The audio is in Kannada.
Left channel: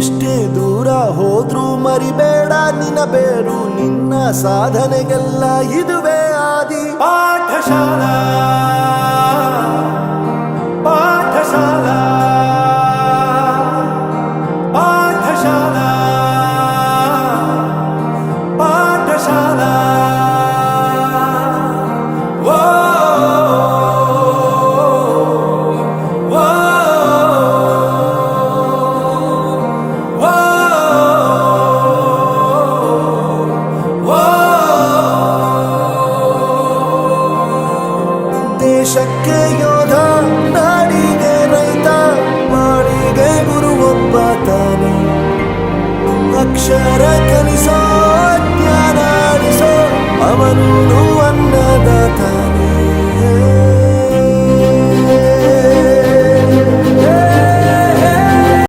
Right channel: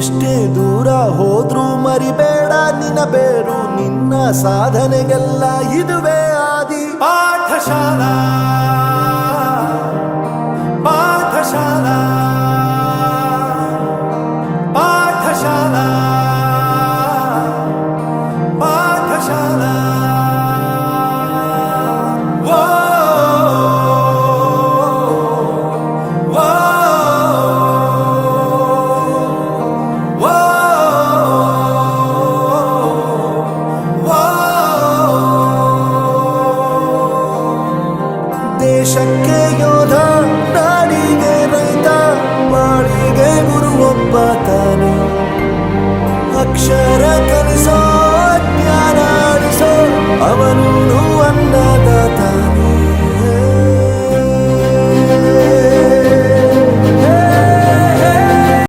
ಎಷ್ಟೇ ದೂರ ಹೋದ್ರೂ ಮರಿಬೇಡ ನಿನ್ನ ಬೇರು, ನಿನ್ನ ಸಾಧನೆಗೆಲ್ಲ ಇದುವೇ ಆದಿ. ಪಾಠಶಾಲಾ ಪಾಠಶಾಲಾ ಪಾಠಶಾಲಾ ಪಾಠಶಾಲಾ. ದೇಶಕ್ಕೆ ಯೋಧ, ನಾಡಿಗೆ ರೈತ, ಬಾಳಿಗೆ ಗುರು ಒಬ್ಬ ತಾನೆ. ಅಕ್ಷರ ಕಲಿಸೋ, ಜ್ಞಾನ ಅಳಿಸೋ, ಅವನೂ ಅನ್ನದಾತಾನೆ.